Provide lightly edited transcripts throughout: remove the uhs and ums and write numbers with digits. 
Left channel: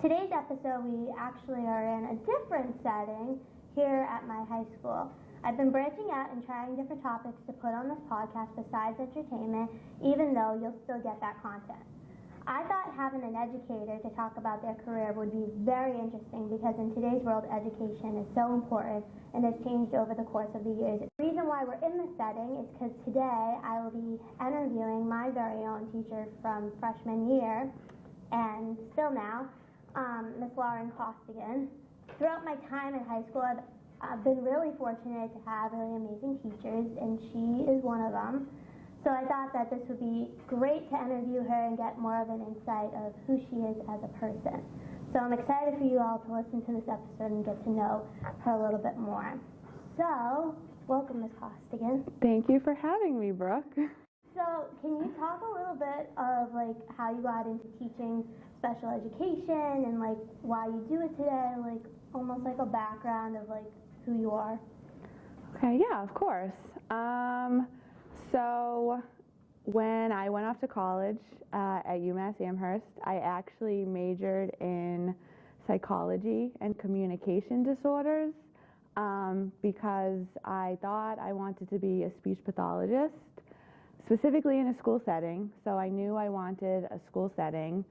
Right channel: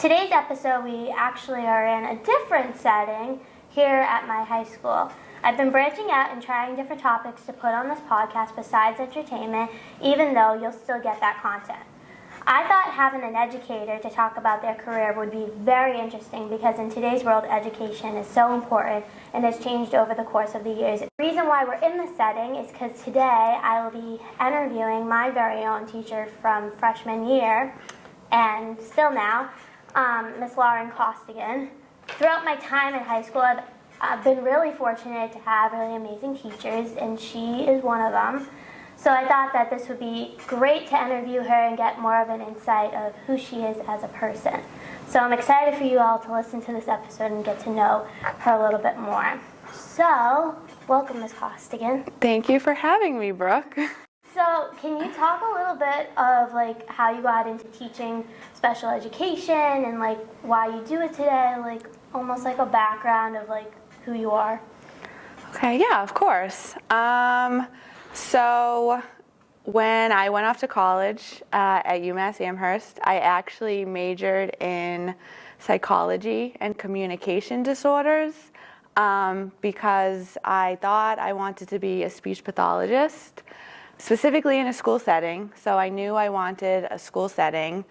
Today's episode, we actually are in a different setting here at my high school. I've been branching out and trying different topics to put on this podcast besides entertainment, even though you'll still get that content. I thought having an educator to talk about their career would be very interesting because in today's world, education is so important and has changed over the course of the years. The reason why we're in this setting is because today I will be interviewing my very own teacher from freshman year and still now, Miss Lauren Kostegan. Throughout my time in high school, I've been really fortunate to have really amazing teachers, and she is one of them. So I thought that this would be great to interview her and get more of an insight of who she is as a person. So I'm excited for you all to listen to this episode and get to know her a little bit more. So, welcome, Ms. Kostegan. Thank you for having me, Brooke. So, can you talk a little bit of how you got into teaching special education and why you do it today, almost like a background of who you are? Okay, yeah, of course. So when I went off to college at UMass Amherst, I actually majored in psychology and communication disorders because I thought I wanted to be a speech pathologist, specifically in a school setting. So I knew I wanted a school setting.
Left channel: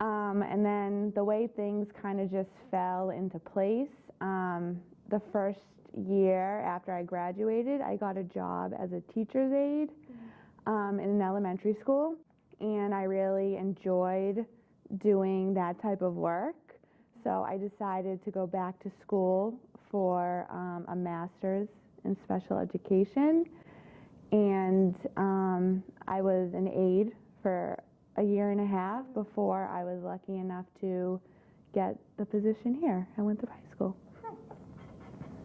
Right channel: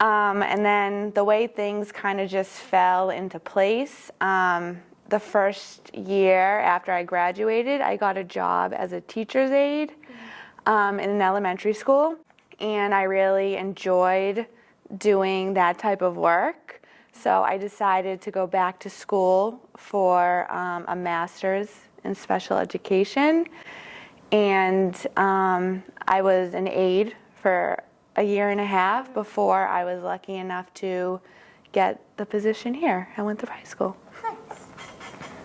And then the way things kind of just fell into place, the first year after I graduated, I got a job as a teacher's aide in an elementary school, and I really enjoyed doing that type of work. So I decided to go back to school for a master's in special education, and I was an aide for a year and a half before I was lucky enough to get the position here at Winthrop High School.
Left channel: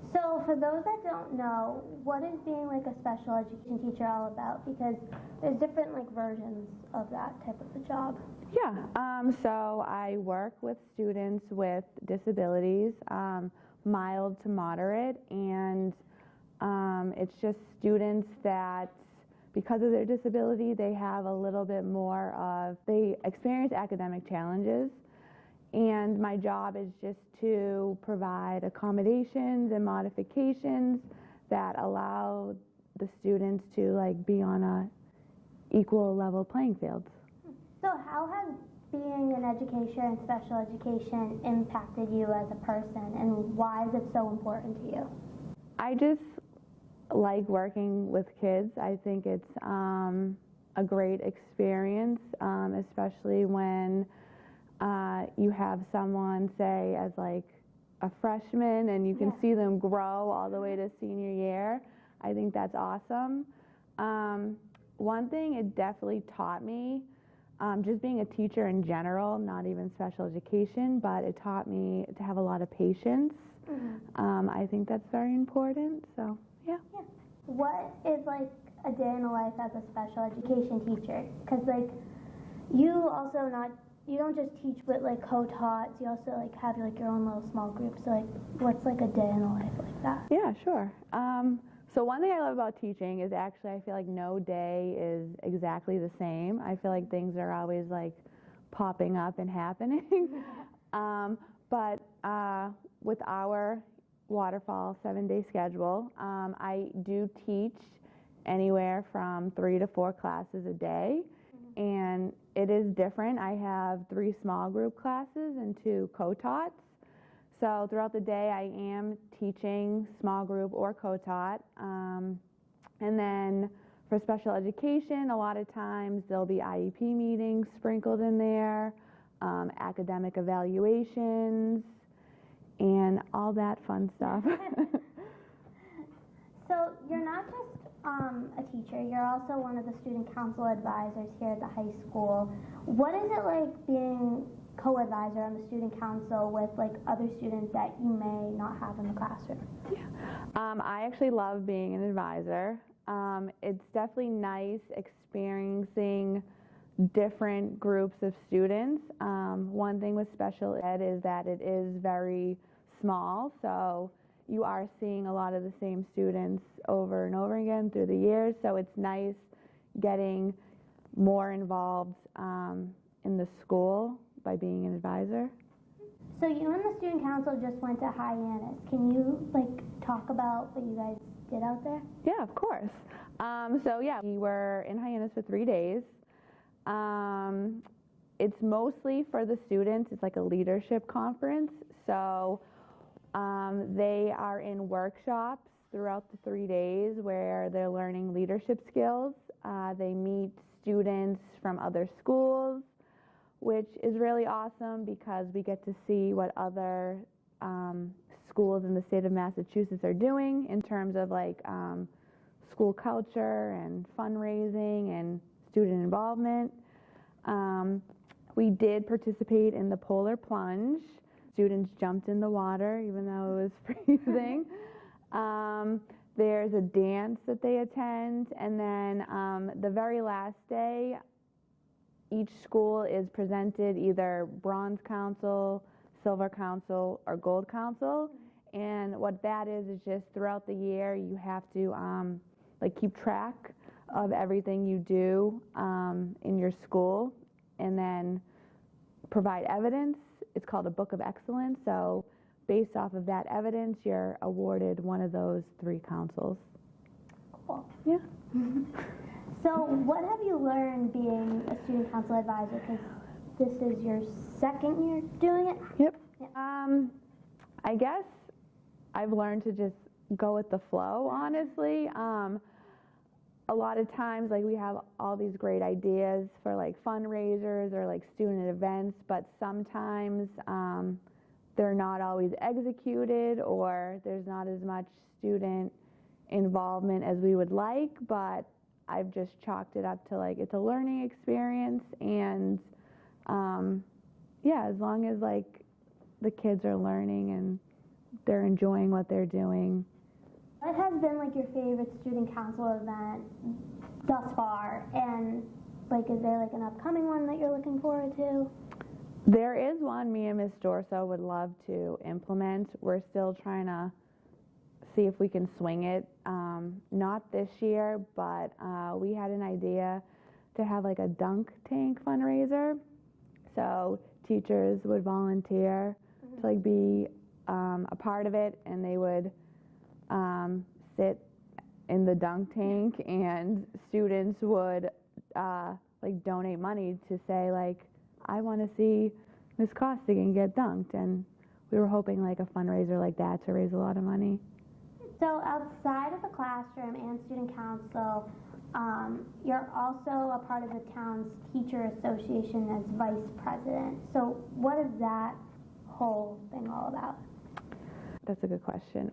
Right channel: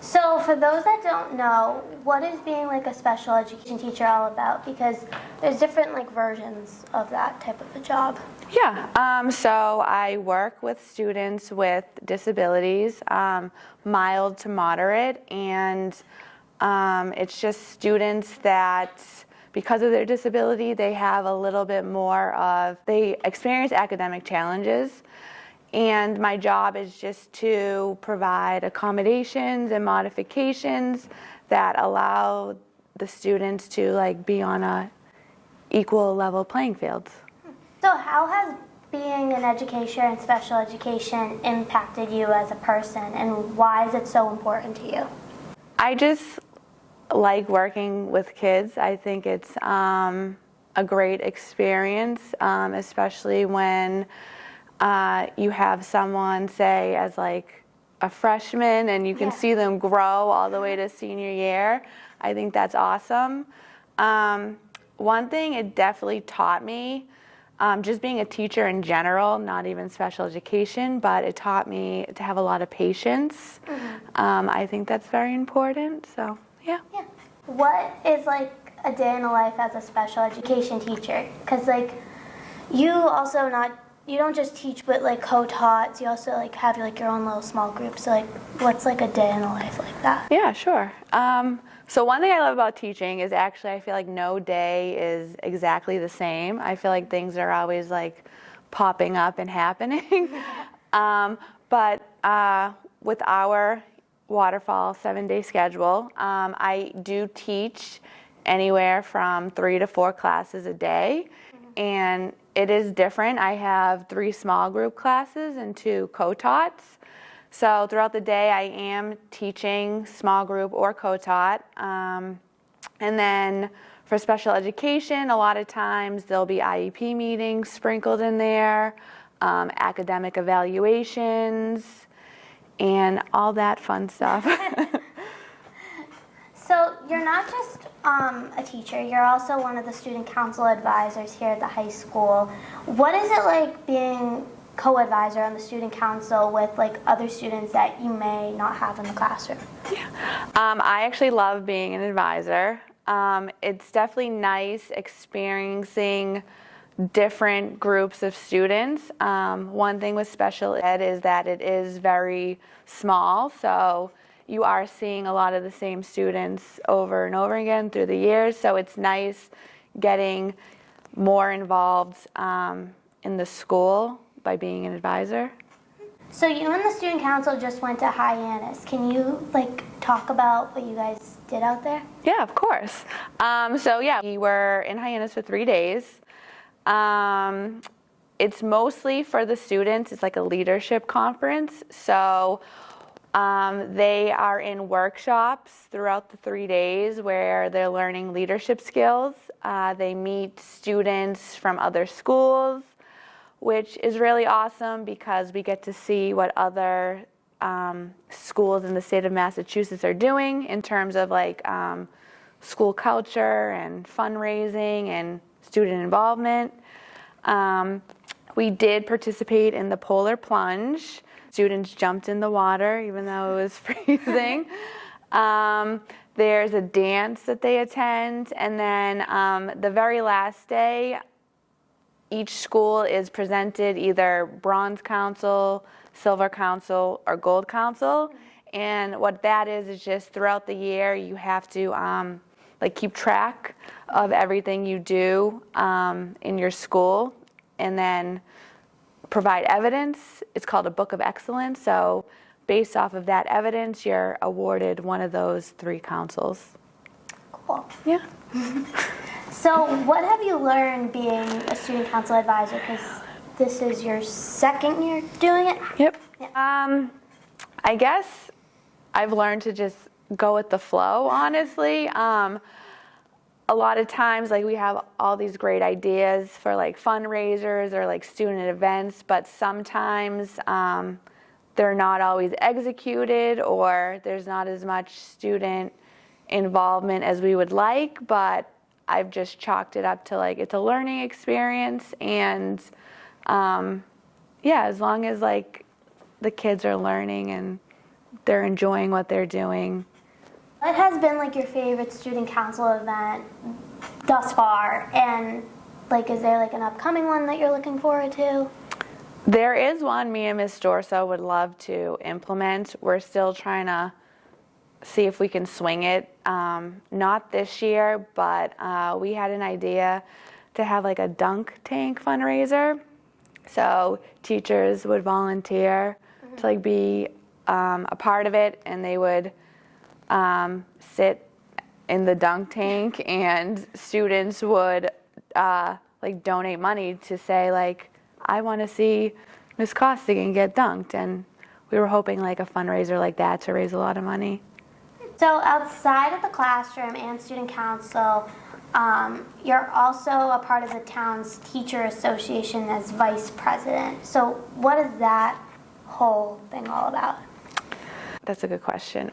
So for those that don't know, what is being a special education teacher all about? Because there's different versions of that type of a job. Yeah, so I work with students with disabilities, mild to moderate, and it's just students that, because of their disability, they have a little bit more they experience academic challenges. And my job is just to provide accommodations and modifications that allow the students to be on a equal level playing field. So how has being an educator in special education impacted you as a person, and why is it so important to you? I just like working with kids. I think it's a great experience, especially when you have someone, say, as a freshman, and you can see them grow all the way to senior year. I think that's awesome. One thing it definitely taught me, just being a teacher in general, not even special education, but it taught me to have a lot of patience. I think that's very important, so yeah. What is a day in the life as a special education teacher? Because you also you don't just teach with co-taughts, you also have your own little small groups. So what's a day in the life like that? Yeah, sure. So one thing I love about teaching is actually I feel like no day is exactly the same. I feel like things are always popping up and happening. But with our waterfall 7-day schedule, I do teach anywhere from 3 to 4 classes a day. And it is different. I have 3 small group classes and 2 co-taughts. So throughout the day, I am teaching small group or co-taught. And then for special education, a lot of times there'll be IEP meetings sprinkled in there, academic evaluations, and all that fun stuff. So you're not just a teacher, you're also one of the student council advisors here at the high school. What is it like being co-advisor on the student council with other students that you may not have in the classroom? Yeah, I actually love being an advisor. It's definitely nice experiencing different groups of students. One thing with special ed is that it is very small, so you are seeing a lot of the same students over and over again through the years, so it's nice getting more involved in the school by being an advisor. So you and the student council just went to Hyannis. Can you talk about what you guys did out there? Yeah, of course. We were in Hyannis for 3 days. It's mostly for the students. It's like a leadership conference. So they are in workshops throughout the 3 days where they're learning leadership skills. They meet students from other schools, which is really awesome because we get to see what other schools in the state of Massachusetts are doing in terms of school culture and fundraising and student involvement. We did participate in the polar plunge. Students jumped in the water even though it was freezing. There's a dance that they attend, and then the very last day, each school is presented either bronze council, silver council, or gold council. And what that is just throughout the year you have to keep track of everything you do in your school, and then provide evidence. It's called a Book of Excellence. So based off of that evidence, you're awarded one of those 3 councils. Cool. Yeah. So what have you learned being a student council advisor? Because this is your 2nd year doing it? Yep. Yeah. I guess I've learned to just go with the flow, honestly. A lot of times, we have all these great ideas for fundraisers or student events, but sometimes they're not always executed, or there's not as much student involvement as we would like. But I've just chalked it up to it's a learning experience, and as long as the kids are learning and they're enjoying what they're doing. What has been your favorite student council event thus far? And is there an upcoming one that you're looking forward to? There is one me and Miss Dorso would love to implement. We're still trying to see if we can swing it. Not this year, but we had an idea to have a dunk tank fundraiser. So teachers would volunteer to be a part of it, and they would sit in the dunk tank, and students would donate money to say I want to see Miss Kostegan get dunked, and we were hoping a fundraiser like that to raise a lot of money. So outside of the classroom and student council, you're also a part of the town's teacher association as vice president. So what is that whole thing all about? That's a good question.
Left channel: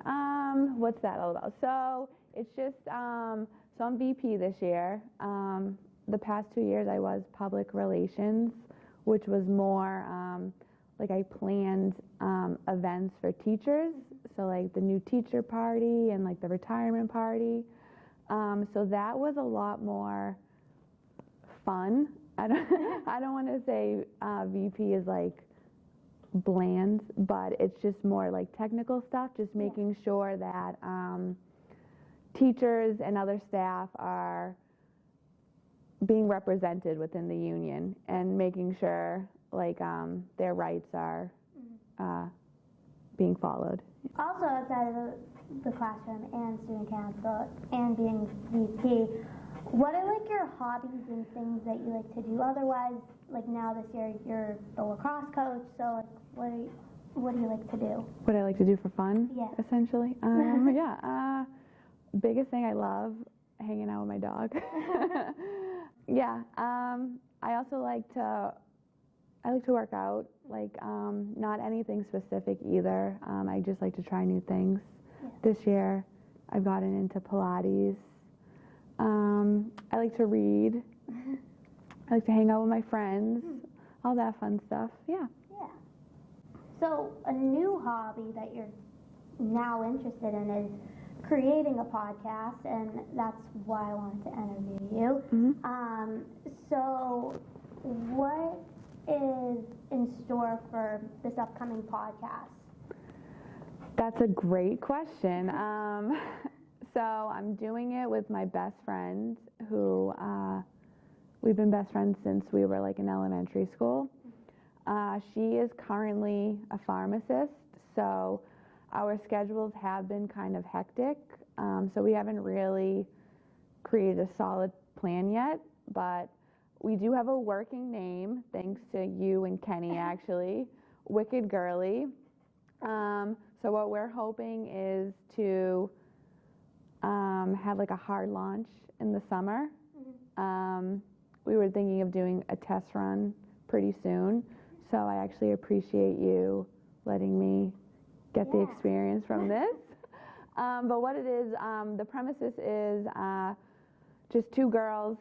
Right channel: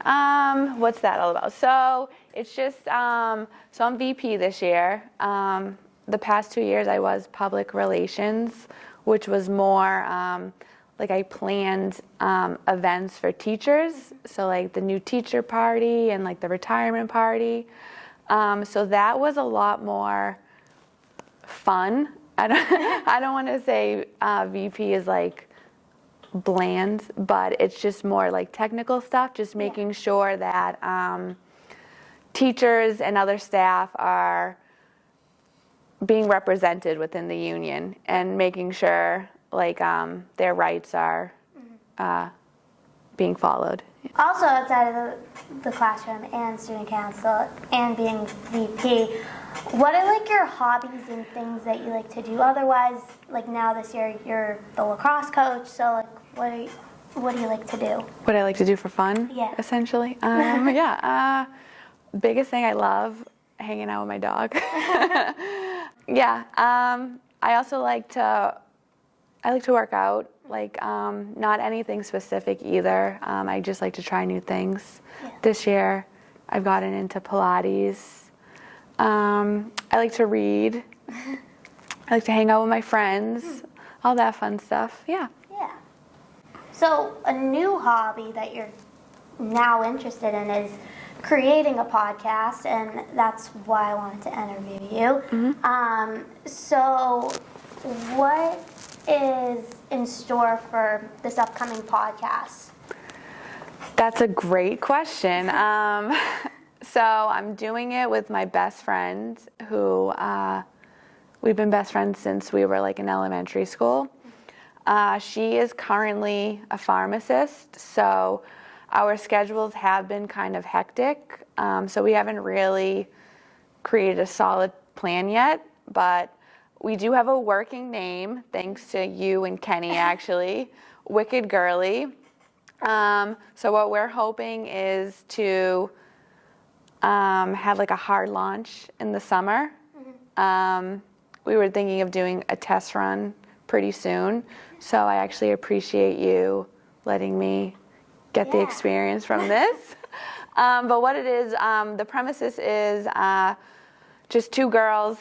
What's that all about? So it's just, so I'm VP this year. The past 2 years I was public relations, which was more I planned events for teachers. So the new teacher party and the retirement party. So that was a lot more fun. I don't want to say VP is bland, but it's just more technical stuff, just making sure that teachers and other staff are being represented within the union, and making sure their rights are being followed. Also outside of the classroom and student council and being VP, what are your hobbies and things that you like to do? Otherwise, now this year you're the lacrosse coach, so what do you like to do? What I like to do for fun, yeah, essentially. Biggest thing, I love hanging out with my dog. I also like to work out. Not anything specific either. I just like to try new things. Yeah. This year, I've gotten into Pilates. I like to read. I like to hang out with my friends. All that fun stuff. Yeah. Yeah. So a new hobby that you're now interested in is creating a podcast, and that's why I wanted to interview you. So what is in store for this upcoming podcast? That's a great question. So I'm doing it with my best friend, who we've been best friends since we were in elementary school. She is currently a pharmacist, so our schedules have been kind of hectic. So we haven't really created a solid plan yet, but we do have a working name, thanks to you and Kenny, actually, Wicked Girly. So what we're hoping is to have like a hard launch in the summer. We were thinking of doing a test run pretty soon, so I actually appreciate you letting me get the experience from this. But what it is, the premises is just two girls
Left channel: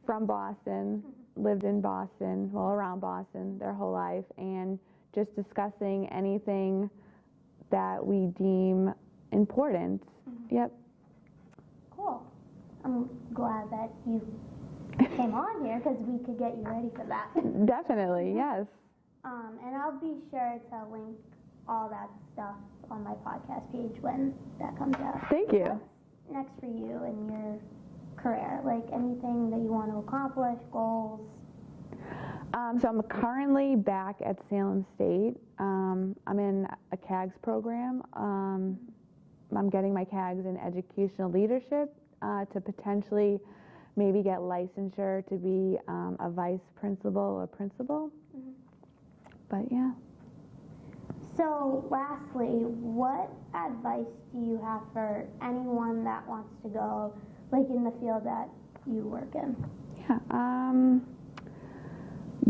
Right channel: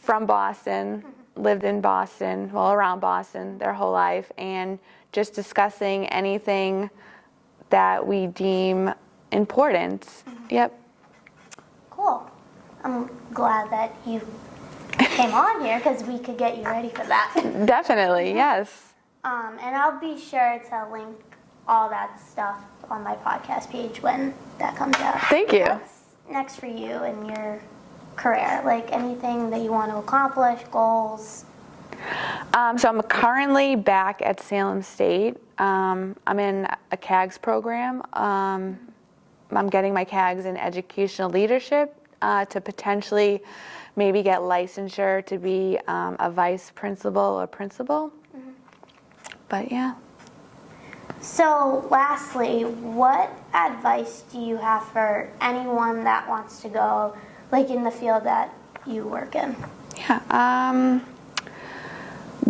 from Boston, lived in Boston, well, around Boston their whole life, and just discussing anything that we deem important. Yep. Cool. I'm glad that you came on here because we could get you ready for that. Definitely, yes. And I'll be sure to link all that stuff on my podcast page when that comes out. Thank you. What's next for you in your career? Like anything that you want to accomplish, goals? So I'm currently back at Salem State. I'm in a CAGS program. I'm getting my CAGS in educational leadership to potentially maybe get licensure to be a vice principal or principal. But yeah. So lastly, what advice do you have for anyone that wants to go like in the field that you work in? Yeah.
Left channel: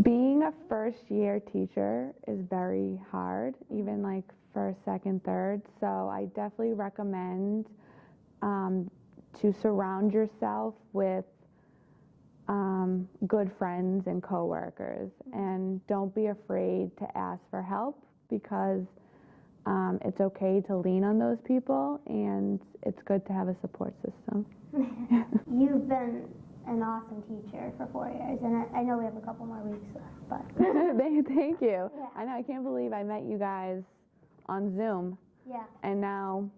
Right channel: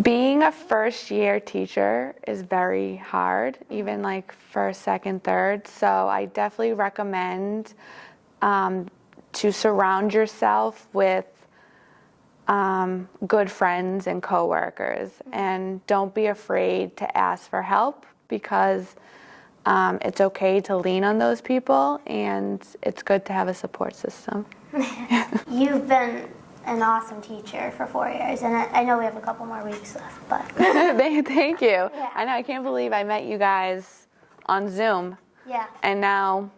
Being a first-year teacher is very hard, even like first, second, third. So I definitely recommend to surround yourself with good friends and coworkers, and don't be afraid to ask for help because it's okay to lean on those people, and it's good to have a support system. You've been an awesome teacher for 4 years, and I know we have a couple more weeks left, but Thank you. Yeah. I know, I can't believe I met you guys on Zoom, yeah, and now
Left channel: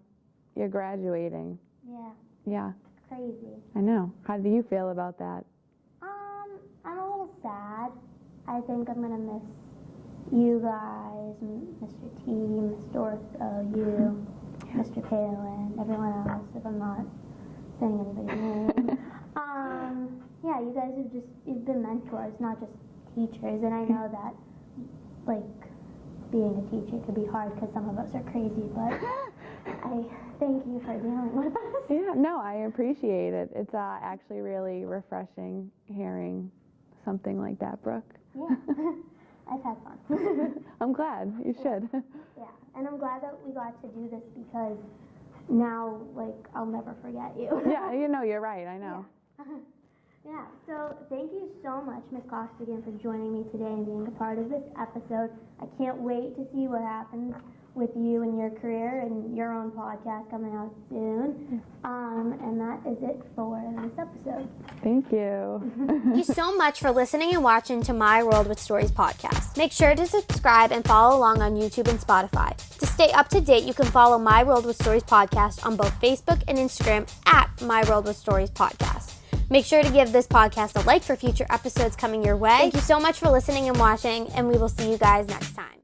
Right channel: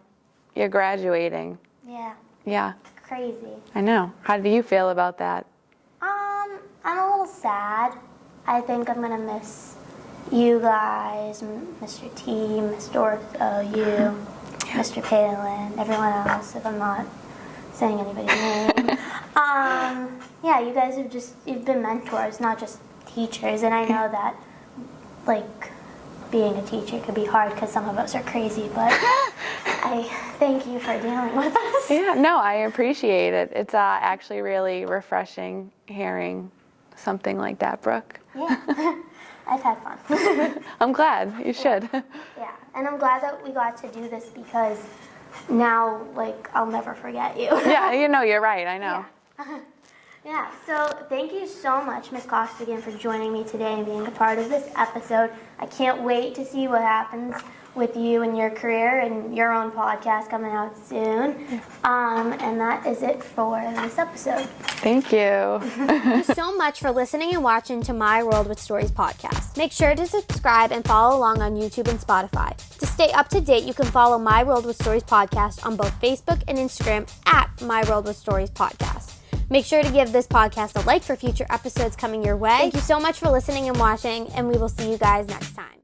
you're graduating. yeah, Yeah, crazy. I know. How do you feel about that? I'm a little sad. I think I'm gonna miss you guys, Mr. T, Miss Dorothy, you, Mr. Palin, everyone else, if I'm not saying anybody's name. Yeah, you guys you've been mentors, not just teachers, and I know that, like, being a teacher could be hard because some of us are crazy, but I thank you for dealing with us. Yeah, no, I appreciate it. It's actually really refreshing hearing something like that, Brooke. Yeah, I've had fun. I'm glad. You should. Yeah, and I'm glad that we got to do this because now, like, I'll never forget you. Yeah, you know, you're right. I know. Yeah. Yeah, so thank you so much, Ms. Kostegan, for joining me today and being a part of this episode. I can't wait to see what happens with you and your career and your own podcast coming out soon. And that is it for this episode. Thank you. Thank you so much for listening and watching to My World with Stories podcast. Make sure to subscribe and follow along on YouTube and Spotify. To stay up to date, you can follow My World with Stories podcast on both Facebook and Instagram at My World with Stories podcast. Make sure to give this podcast a like for future episodes coming your way. Thank you so much for listening and watching, and we will see you guys next time.